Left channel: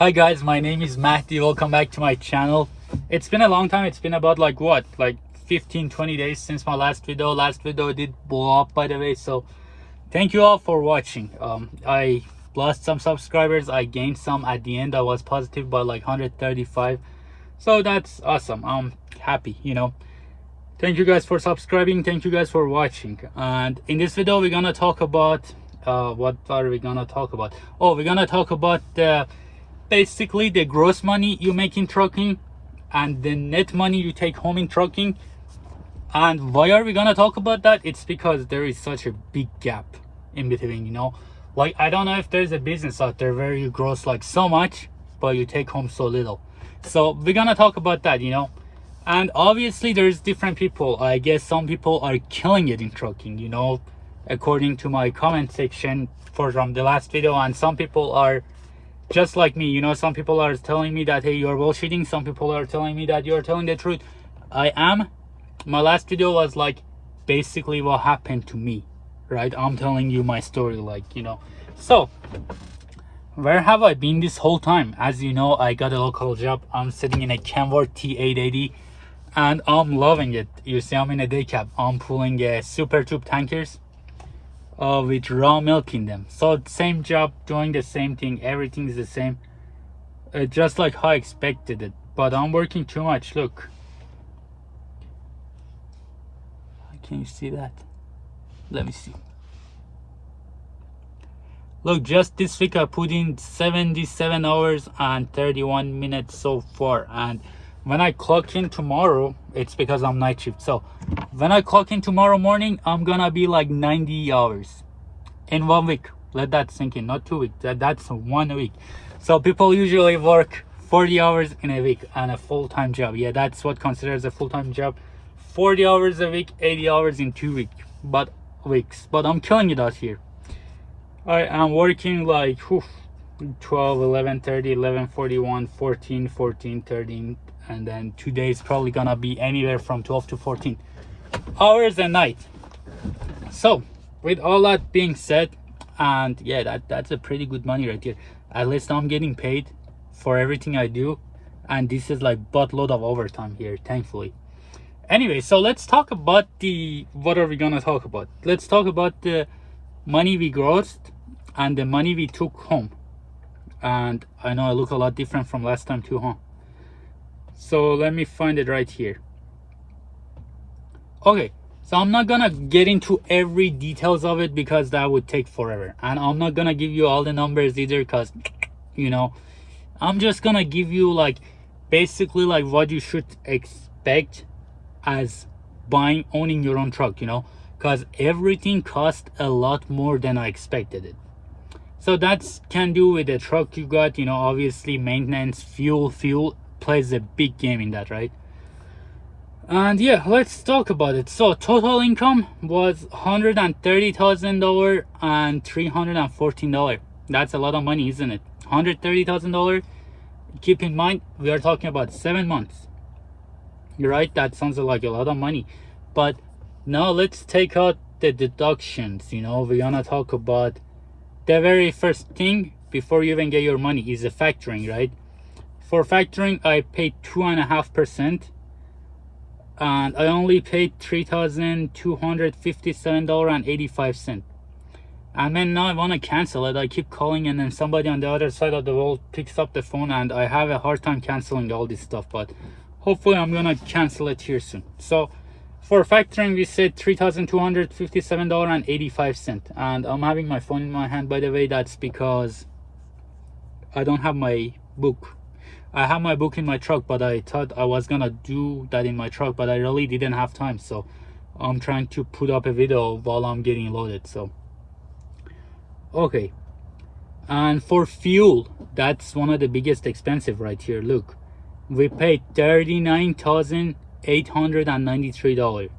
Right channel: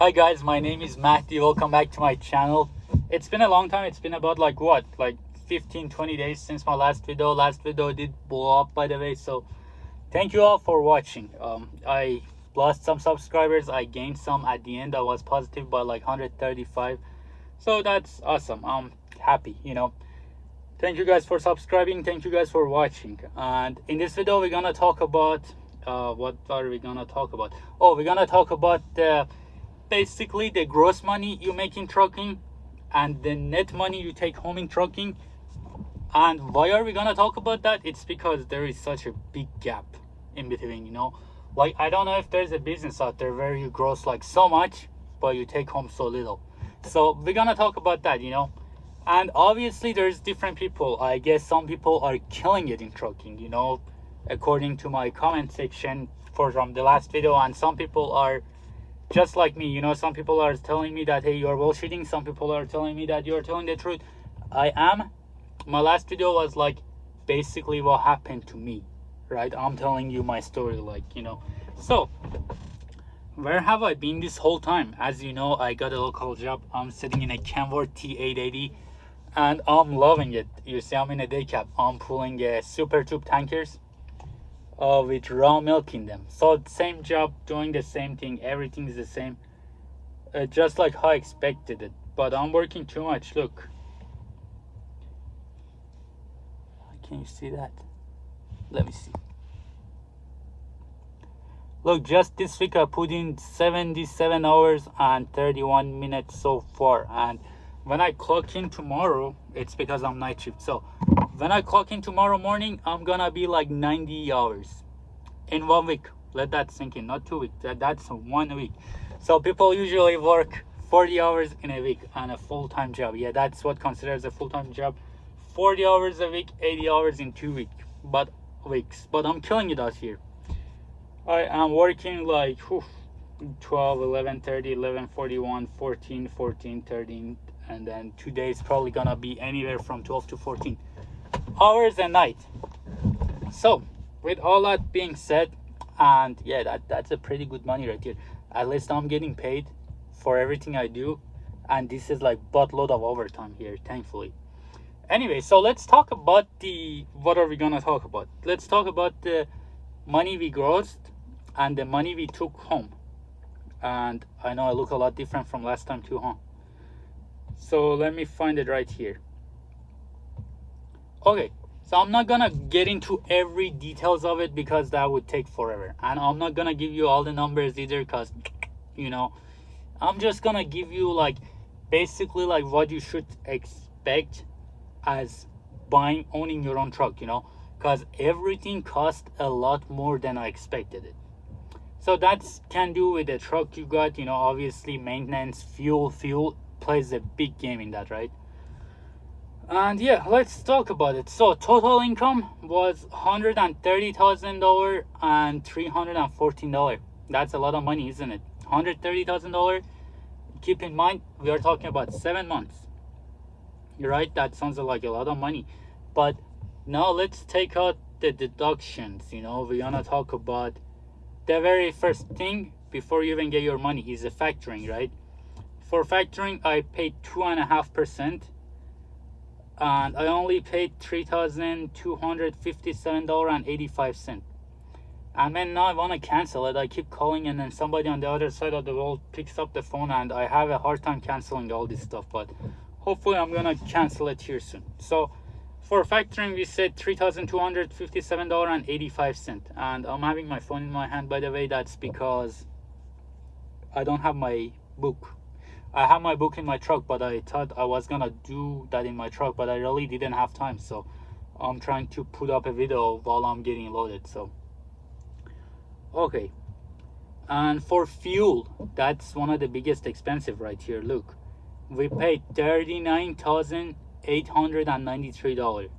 Hi guys, my name is Mahdi. Welcome back to my channel. It's been a long time. It's been about like 15-20 days since my last video. Last video did blow up, by the way, so thank you all for watching. I lost some subscribers, I gained some at the end. I was positive by like 135, so that's awesome. I'm happy. Thank you guys for subscribing, thank you guys for watching. And in this video we're gonna talk about what are we gonna talk about? Oh, we're gonna talk about basically the gross money you make in trucking and the net money you take home in trucking. And why are we gonna talk about that? It's because there is such a big gap in between. Like, I don't know if there's a business out there where you gross like so much but you take home so little. So we're gonna talk about that. And obviously there's different people. I guess some people are killing it in trucking, according to my comment section from the last video, and some people are just like me. Some people are telling me that, hey, you're bullshitting. Some people are telling me that you're telling the truth. I am. My last video was like basically what happened to me, right? I'm telling you my story, so where have I been this whole time? As you know, I got a local job. I'm sitting in a Kenworth T880 and I'm loving it. You see, I'm in a day cab. I'm pulling super tube tankers with raw milk in them. So same job, doing the same thing, everything is the same, just like how I expected it. But I'm working too much. Look, can you see that? Let me see. Look, just this week I put in 77 hours and 31 minutes so far. And when I clock in tomorrow, it's because I'm night shift, so when I clock in tomorrow morning, I'm gonna be like 90 hours in 1 week. Let that sink in. Not 2 weeks, that's 1 week. So people usually work 40 hours in a week and a full-time job. Yeah, that's what considers a full-time job. 40 hours a week, 80 hours in 2 weeks. But I'm killing it out here. I am working like 12, 11, 30, 11, 41, 14, 14, 13, and then 2 days probably gonna be anywhere from 12 to 14 hours a night. So with all that being said, and yeah, that's a pretty good money right here. At least I'm getting paid for everything I do, and this is like buttload of overtime here, thankfully. Anyway, so let's talk about what are we gonna talk about? Let's talk about the money we grossed and the money we took home. And I know I look a lot different from last time too, huh? So let me find it right here. Okay, so I'm not gonna get into every details of it because that would take forever, and I'm not gonna give you all the numbers either because I'm just gonna give you like basically like what you should expect as owning your own truck, because everything cost a lot more than I expected it. So that's can do with the truck you got. Obviously maintenance, fuel plays a big game in that, right? And yeah, let's talk about it. So total income was $130,000 and $314. That's a lot of money, isn't it? $130,000. Keep in mind we are talking about 7 months. You're right, that sounds like a lot of money. But now let's take out the deductions. We're gonna talk about the very first thing before you even get your money is the factoring, right? For factoring, I paid 2.5%, and I only paid $3,257.85. And then now I want to cancel it. I keep calling, and then somebody on the other side of the world picks up the phone, and I have a hard time canceling all this stuff, but hopefully I'm gonna cancel it here soon. So for factoring, we said $3,257.85. And I'm having my phone in my hand, by the way. That's because I don't have my book. I have my book in my truck, but I thought I was gonna do that in my truck, but I really didn't have time. So I'm trying to put up a video while I'm getting loaded. So okay. And for fuel, that's one of the biggest expensive right here. Look, we paid $39,893.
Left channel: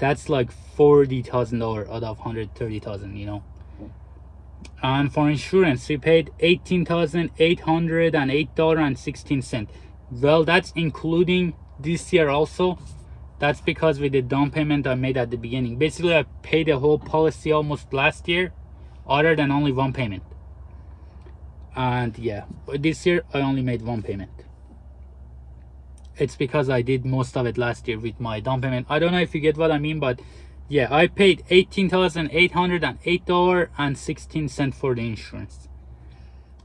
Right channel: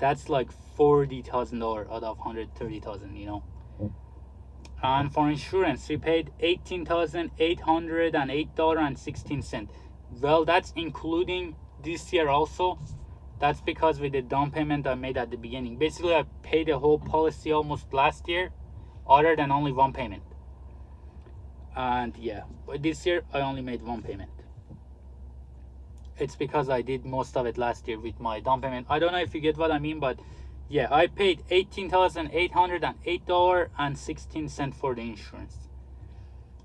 That's like $40,000 out of $130,000. And for insurance, we paid $18,808.16. Well, that's including this year also. That's because with the down payment I made at the beginning. Basically, I paid the whole policy almost last year, other than only one payment. And yeah, this year I only made one payment. It's because I did most of it last year with my down payment. I don't know if you get what I mean, but yeah, I paid $18,808.16 for the insurance.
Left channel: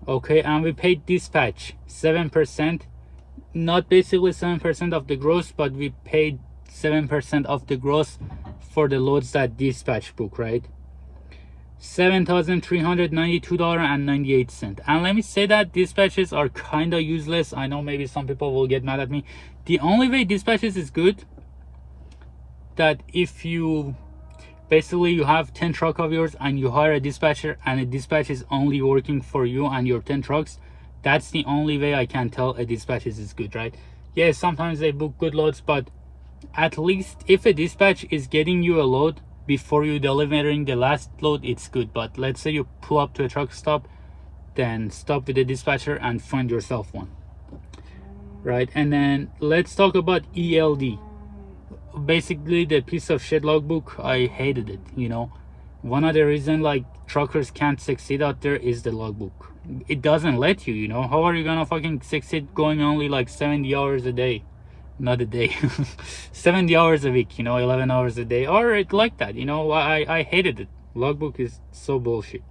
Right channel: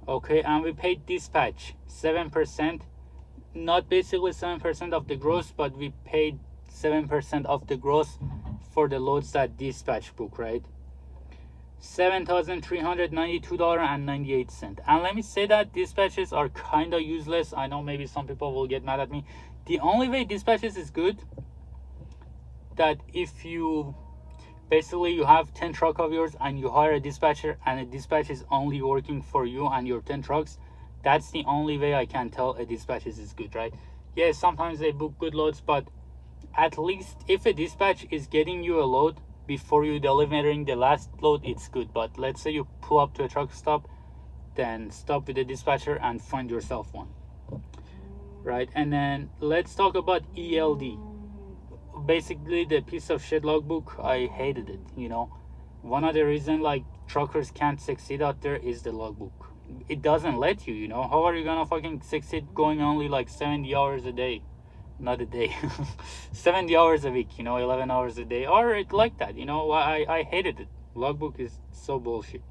Okay, and we paid dispatch 7%, not basically 7% of the gross, but we paid 7% of the gross for the loads that dispatch book, right? $7,392.98. And let me say that dispatches are kind of useless. I know maybe some people will get mad at me. The only way dispatches is good, that if you basically you have 10 truck of yours and you hire a dispatcher, and a dispatch is only working for you and your 10 trucks, that's the only way I can tell a dispatch is good, right? Yeah, sometimes they book good loads, but at least if a dispatch is getting you a load before you delivering the last load, it's good. But let's say you pull up to a truck stop, then stop with the dispatcher and find yourself one, right? And then let's talk about ELD. Basically the piece of shit logbook. I hated it, you know. One of the reason like truckers can't succeed out there is the logbook. It doesn't let you, you know. How are you gonna fucking succeed going only like 70 hours a day? Not a day. 70 hours a week, you know, 11 hours a day, or it like that, you know. I hated it. Logbook is so bullshit.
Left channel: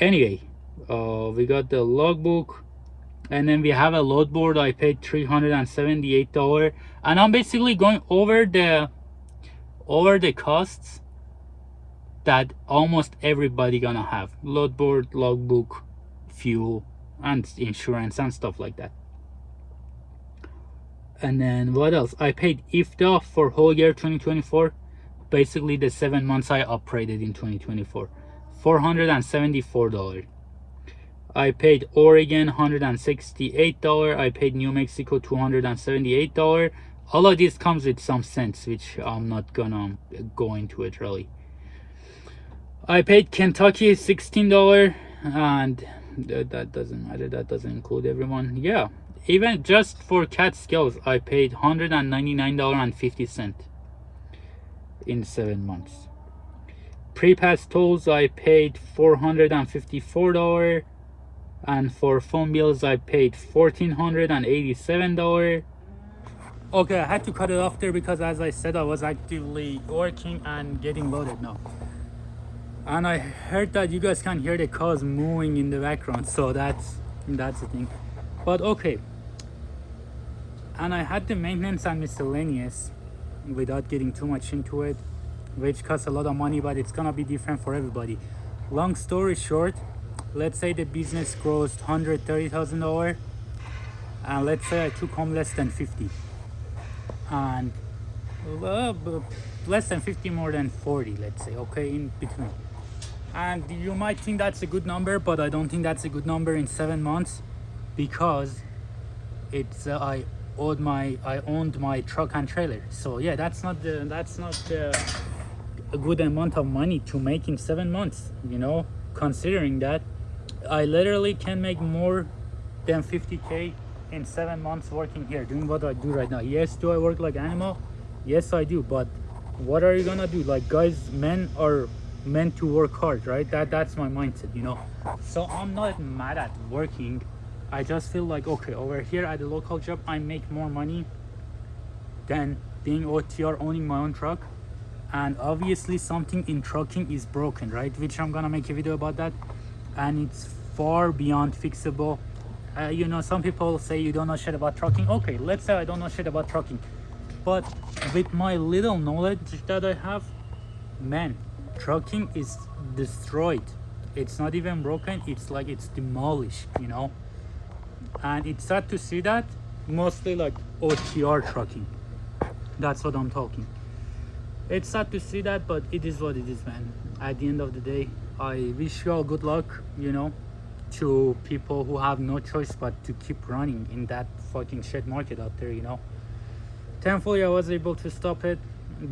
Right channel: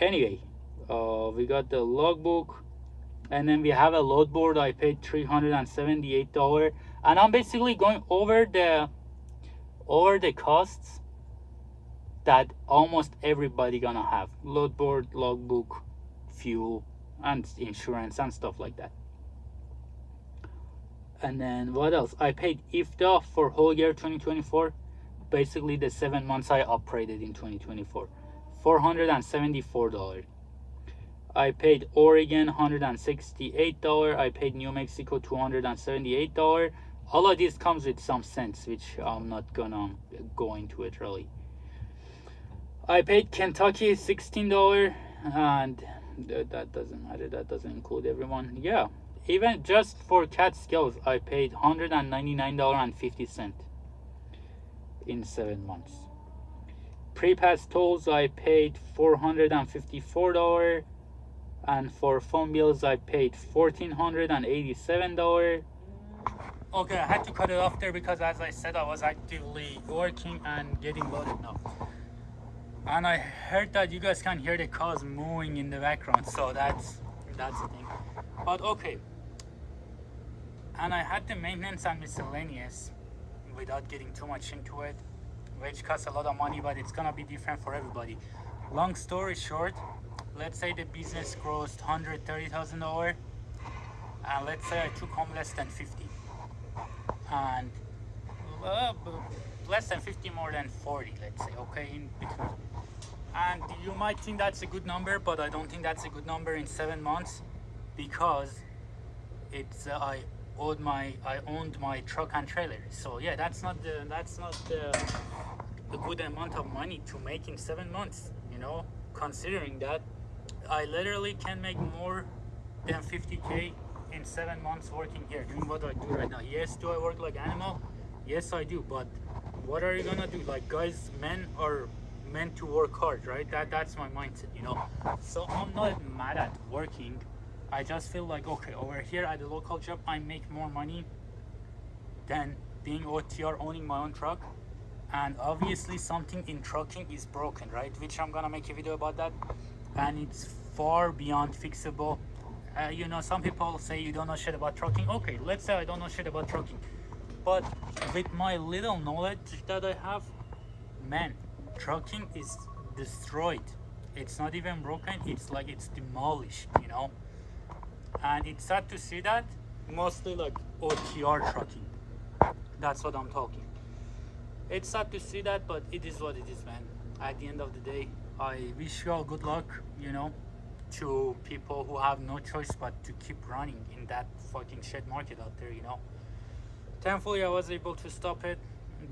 Anyway, we got the logbook, and then we have a load board. I paid $378, and I'm basically going over the costs that almost everybody gonna have: load board, logbook, fuel, and insurance and stuff like that. And then what else? I paid IFTA for whole year 2024, basically the 7 months I operated in 2024, $474. I paid Oregon $168. I paid New Mexico $278. All of this comes with some cents, which I'm not gonna go into it really. I paid Kentucky $16, and that doesn't matter. That doesn't include everyone. Yeah, even just for Catskills, I paid $199.50 in 7 months. Pre-pass tolls, I paid $454. And for phone bills, I paid $1,487. Okay, I had to cut it off there because, as I said, I was actively working and getting loaded now. And I heard that you guys can hear the cars moving in the background, so that's the thing. But okay. And I had the maintenance and miscellaneous, without getting too much into it, which costs a lot of money, but it's gonna be different for everybody. Long story short, let's say the business grossed $130,000, and let's say I took home less than 50, and less than 50, more than 40, let's say, okay, in between. And you might think that's a good number, but I don't think that's a good number in 7 months, because it's I owned my truck and trailer. So yeah, that's not a good amount of money to make in 7 months, you know, considering that I literally can make more than 50K in 7 months working here, doing what I do right now. Yes, do I work like an animal? Yes, I do. But what are you gonna do? Like, guys, men are meant to work hard, right? That's my mindset, you know. So I'm not mad at working. I just feel like, okay, over here at the local job, I make more money than being OTR, owning my own truck. And obviously something in trucking is broken, right? Which I'm gonna make a video about that, and it's far beyond fixable. You know, some people say you don't know shit about trucking. Okay, let's say I don't know shit about trucking, but with my little knowledge that I have, man, trucking is destroyed. It's not even broken, it's like it's demolished, you know. And it's sad to see that, mostly like OTR trucking. That's what I'm talking. It's sad to see that, but it is what it is, man. At the end of the day, I wish you all good luck, you know, to people who have no choice but to keep running in that fucking shit market out there, you know. Thankfully, I was able to stop it.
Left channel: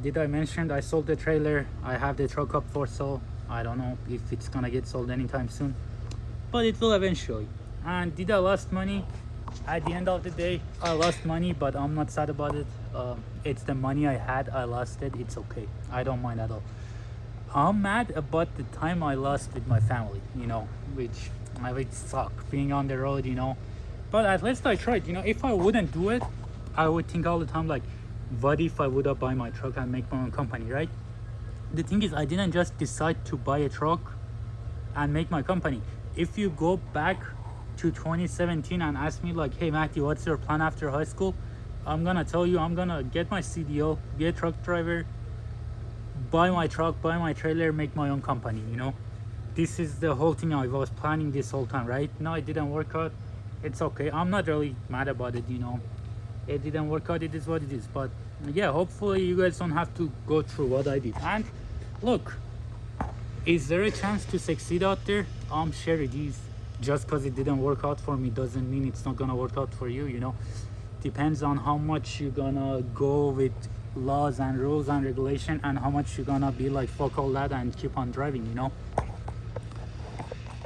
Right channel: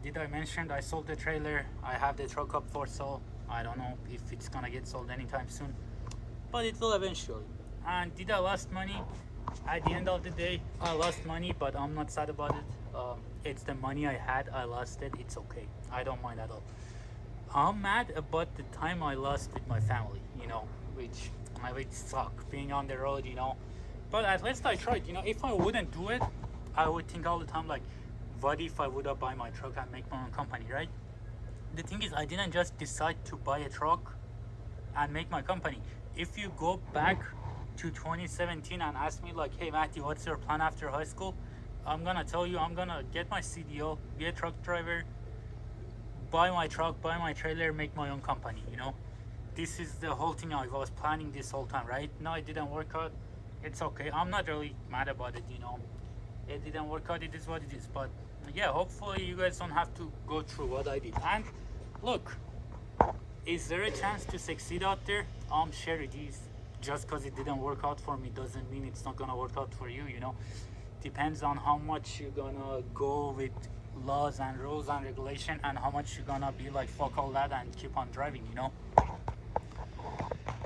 Did I mention I sold the trailer? I have the truck up for sale. I don't know if it's gonna get sold anytime soon, but it will eventually. And did I lost money? At the end of the day, I lost money, but I'm not sad about it. It's the money I had, I lost it. It's okay. I don't mind at all. I'm mad about the time I lost with my family, you know, which I would suck being on the road, you know. But at least I tried, you know. If I wouldn't do it, I would think all the time like, what if I would have buy my truck and make my own company, right? The thing is, I didn't just decide to buy a truck and make my company. If you go back to 2017 and ask me like, hey Matthew, what's your plan after high school? I'm gonna tell you, I'm gonna get my CDO, be a truck driver, buy my truck, buy my trailer, make my own company, you know. This is the whole thing I was planning this whole time, right? No, it didn't work out. It's okay. I'm not really mad about it, you know. It didn't work out. It is what it is. But yeah, hopefully you guys don't have to go through what I did. And look, is there a chance to succeed out there? I'm sure it is. Just because it didn't work out for me doesn't mean it's not gonna work out for you, you know. Depends on how much you're gonna go with laws and rules and regulation, and how much you're gonna be like, fuck all that and keep on driving, you know.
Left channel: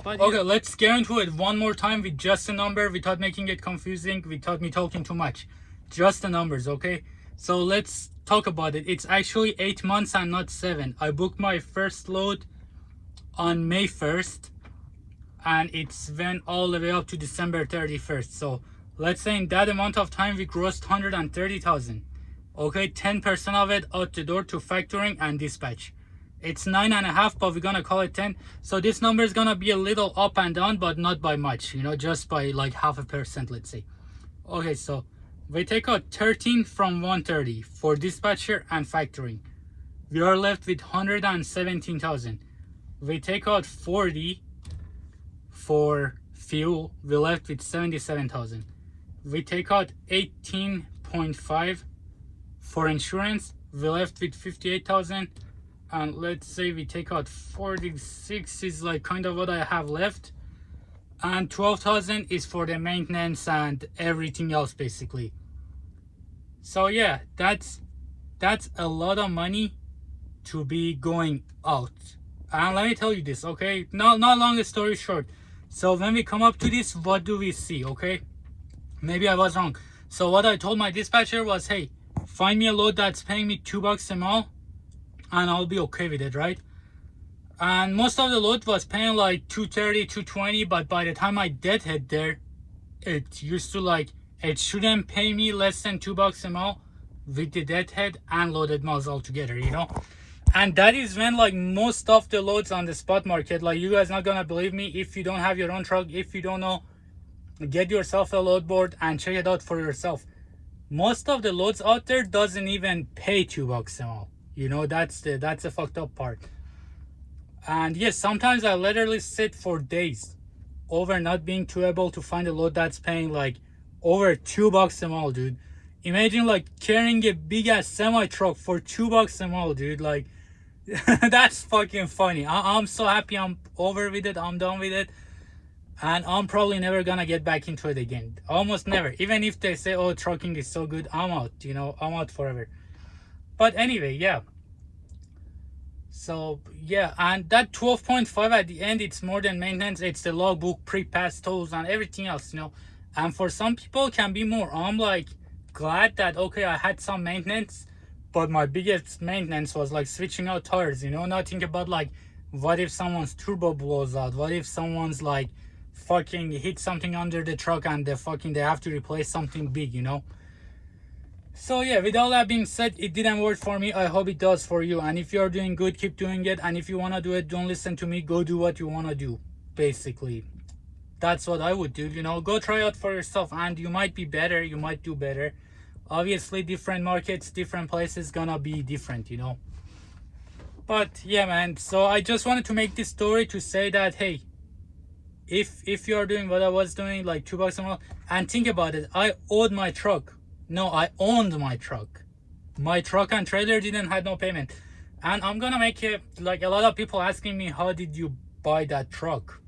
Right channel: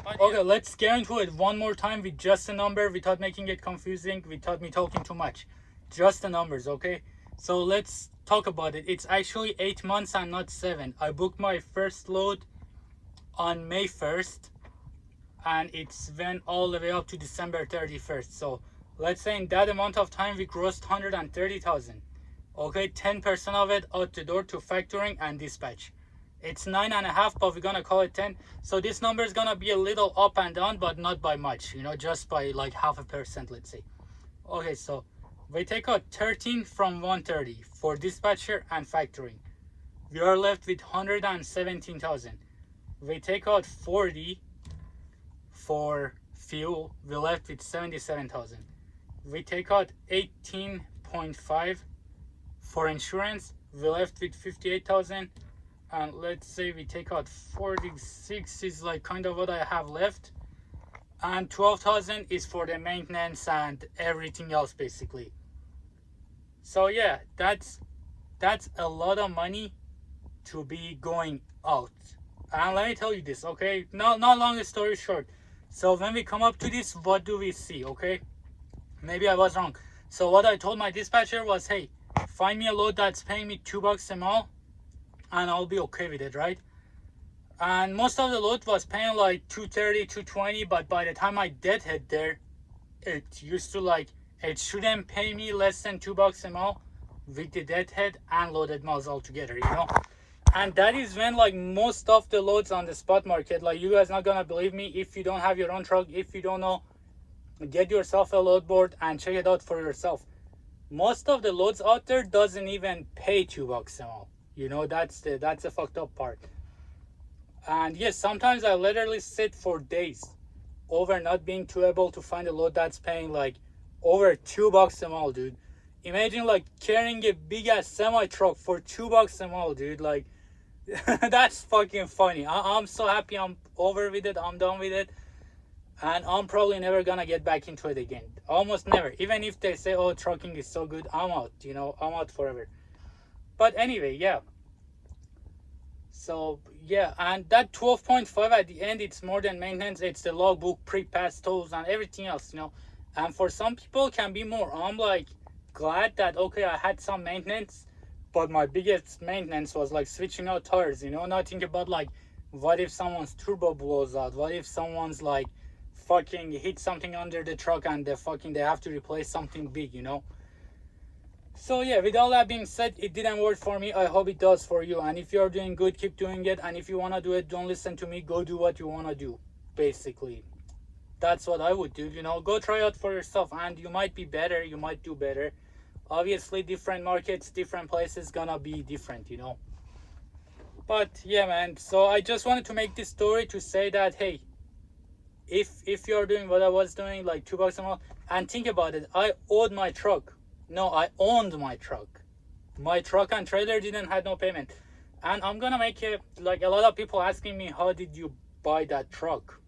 But yeah. Okay, let's get into it one more time with just a number, without making it confusing, without me talking too much. Just the numbers, okay? So let's talk about it. It's actually 8 months and not 7. I booked my first load on May 1st, and it's went all the way up to December 31st. So let's say in that amount of time we grossed 130,000. Okay, 10% of it out the door to factoring and dispatch. It's 9.5, but we're gonna call it 10. So this number is gonna be a little up and down, but not by much, you know, just by like 0.5%, let's say. Okay, so we take out 13 from 130 for dispatcher and factoring. We are left with 117,000. We take out 40 for fuel. We're left with 77,000. We take out 18.5 for insurance. We're left with 58,000. And let's say we take out 46 is like kind of what I have left, and 12,000 is for the maintenance and everything else basically. So yeah, that's a lot of money to be going out. And let me tell you this, okay? Not long story short. So when we come up to this, what do we see? Okay, maybe I was wrong. So what I told my dispatcher was, hey, find me a load that's paying me $2 a mile, and I'll be okay with it, right? And most of the load was paying like 230, 220, but by the time I did hit there, it used to like, it shouldn't pay me less than $2 a mile with the deadhead and loaded miles all together, you know. And that is when like most of the loads on the spot market, like, you guys not gonna believe me, if you don't have your own truck, if you don't know, get yourself a load board and check it out for yourself. Most of the loads out there doesn't even pay $2 a mile. You know, that's the fucked up part. And yes, sometimes I literally sit for days over not being too able to find a load that's paying like over $2 a mile, dude. Imagine like carrying a big ass semi truck for $2 a mile, dude. Like, that's fucking funny. I'm so happy I'm over with it. I'm done with it. And I'm probably never gonna get back into it again. Almost never. Even if they say, oh, trucking is so good, I'm out, you know, I'm out forever. But anyway, yeah. So yeah, and that 12.5 at the end, it's more than maintenance. It's the logbook, pre-pass tolls, and everything else, you know. And for some people it can be more. I'm like glad that, okay, I had some maintenance, but my biggest maintenance was like switching out tires, you know. Not think about like, what if someone's turbo blows out? What if someone's like fucking hit something under the truck and they have to replace something big, you know. So yeah, with all that being said, it didn't work for me. I hope it does for you. And if you're doing good, keep doing it. And if you want to do it, don't listen to me. Go do what you want to do. Basically, that's what I would do, you know. Go try out for yourself, and you might be better, you might do better. Obviously, different markets, different places gonna be different, you know. But yeah, man, so I just wanted to make this story to say that, hey, if you're doing what I was doing, like $2 a month, and think about it, I owed my truck. No, I owned my truck. My truck and trailer didn't have no payment. And I'm gonna make it, like, a lot of people asking me, how did you buy that truck?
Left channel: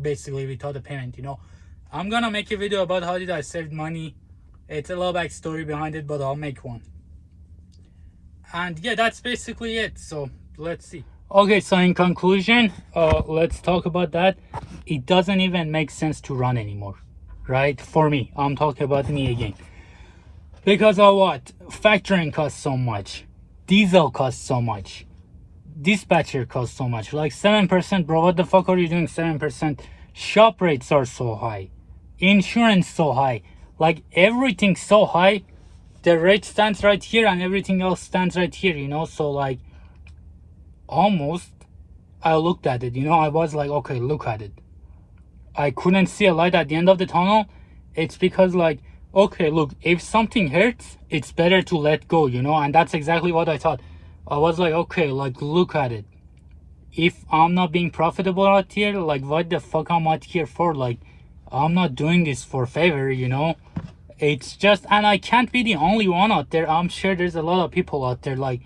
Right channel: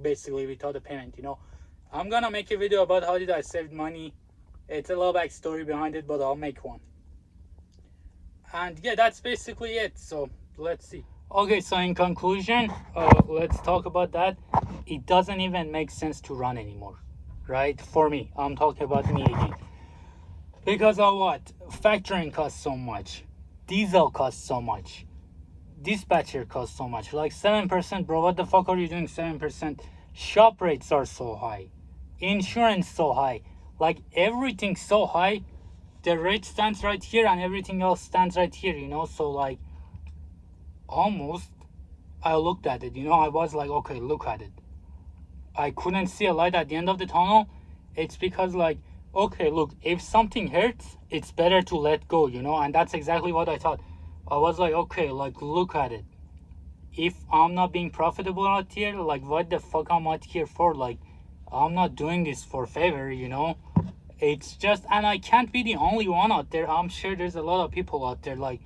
Basically, without a payment, you know. I'm gonna make a video about how did I save money. It's a little backstory behind it, but I'll make one. And yeah, that's basically it. So let's see. Okay, so in conclusion, let's talk about that. It doesn't even make sense to run anymore, right? For me, I'm talking about me again. Because of what? Factoring costs so much. Diesel costs so much. Dispatcher costs so much. Like 7%, bro. What the fuck are you doing 7% shop rates are so high, insurance so high, like everything's so high. The rate stands right here and everything else stands right here, you know. So like almost I looked at it, you know, I was like, okay, look at it. I couldn't see a light at the end of the tunnel. It's because like, okay, look, if something hurts, it's better to let go, you know. And that's exactly what I thought. I was like, okay, like look at it. If I'm not being profitable out here, like what the fuck am I here for? Like I'm not doing this for favor, you know. It's just, and I can't be the only one out there. I'm sure there's a lot of people out there. Like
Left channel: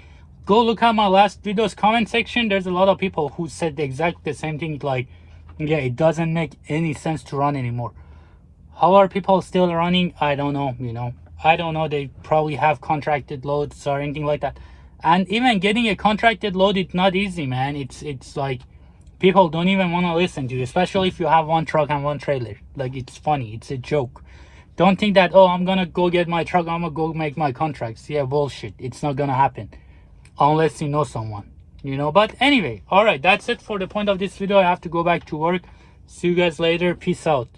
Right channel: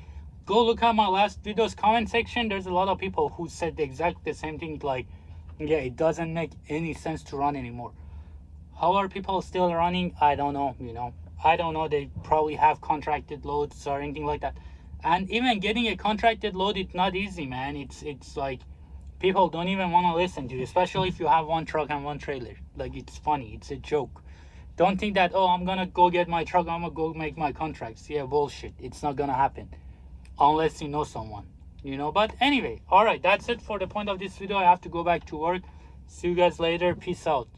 go look at my last video's comment section. There's a lot of people who said the same thing. Like, yeah, it doesn't make any sense to run anymore. How are people still running? I don't know, you know. I don't know. They probably have contracted loads or anything like that. And even getting a contracted load, it's not easy, man. It's like people don't even want to listen to you, especially if you have one truck and one trailer. Like it's funny. It's a joke. Don't think that, oh, I'm gonna go get my truck, I'm gonna go make my contracts. Yeah, bullshit. It's not gonna happen unless you know someone, you know. But anyway, all right, that's it for the point of this video. I have to go back to work. See you guys later. Peace out.